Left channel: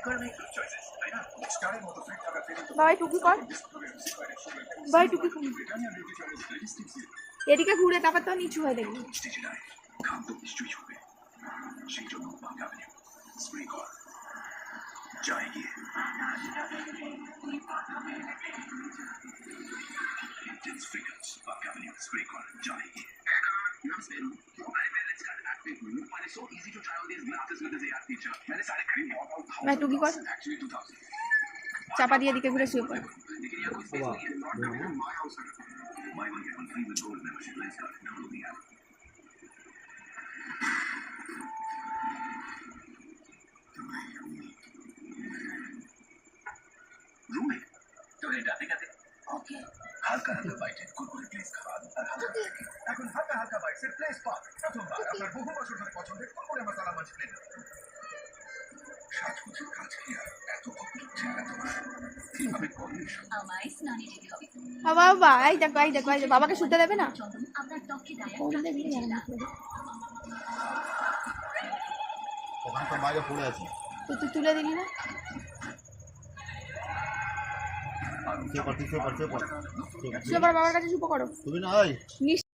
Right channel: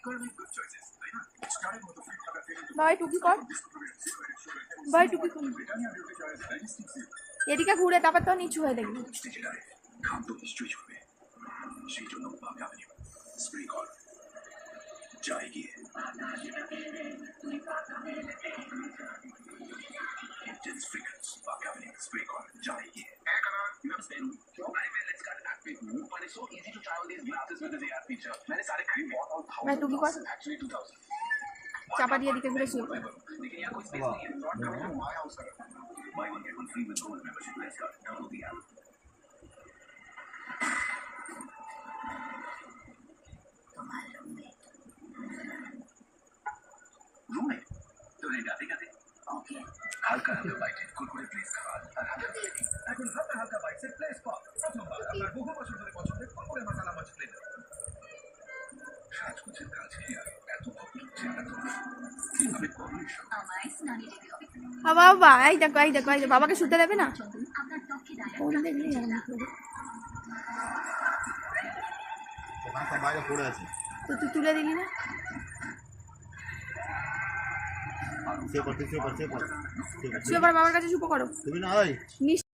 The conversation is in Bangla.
ভাই টুকি কর, ভাই টুকি কর, এদিকে ঘুরে তারপর তো নিচু হয়ে দেখবি। ভাই টুকি কর, চাপা দিয়ে এদিকে ঘুরে শুয়ে পড়ে। হালকা হালকা বাইটের কুরকুরে প্লেস খাবার আর হালকা এখন হালকা হালকা বাইটের প্লেস পাক প্রথমবার আপনার বহু বছর ধরে পছন্দের কুরকুরে মশলা মাছ প্লেস সাজগোজের কাজ কি আর এত অপরূপ চেহারা তোমার কিভাবে করবে আমায় স্নানে যেতে হবে বাবা এই দেখো এই দেখো, বাবাকে শুতে দেবে না? ওখানে তো বাইরে পড়ে আছে, তো তুই তুলে দিলি না? শুয়ে পড়, শুয়ে পড়, বাবার কাছে চুপ করো। তুমি না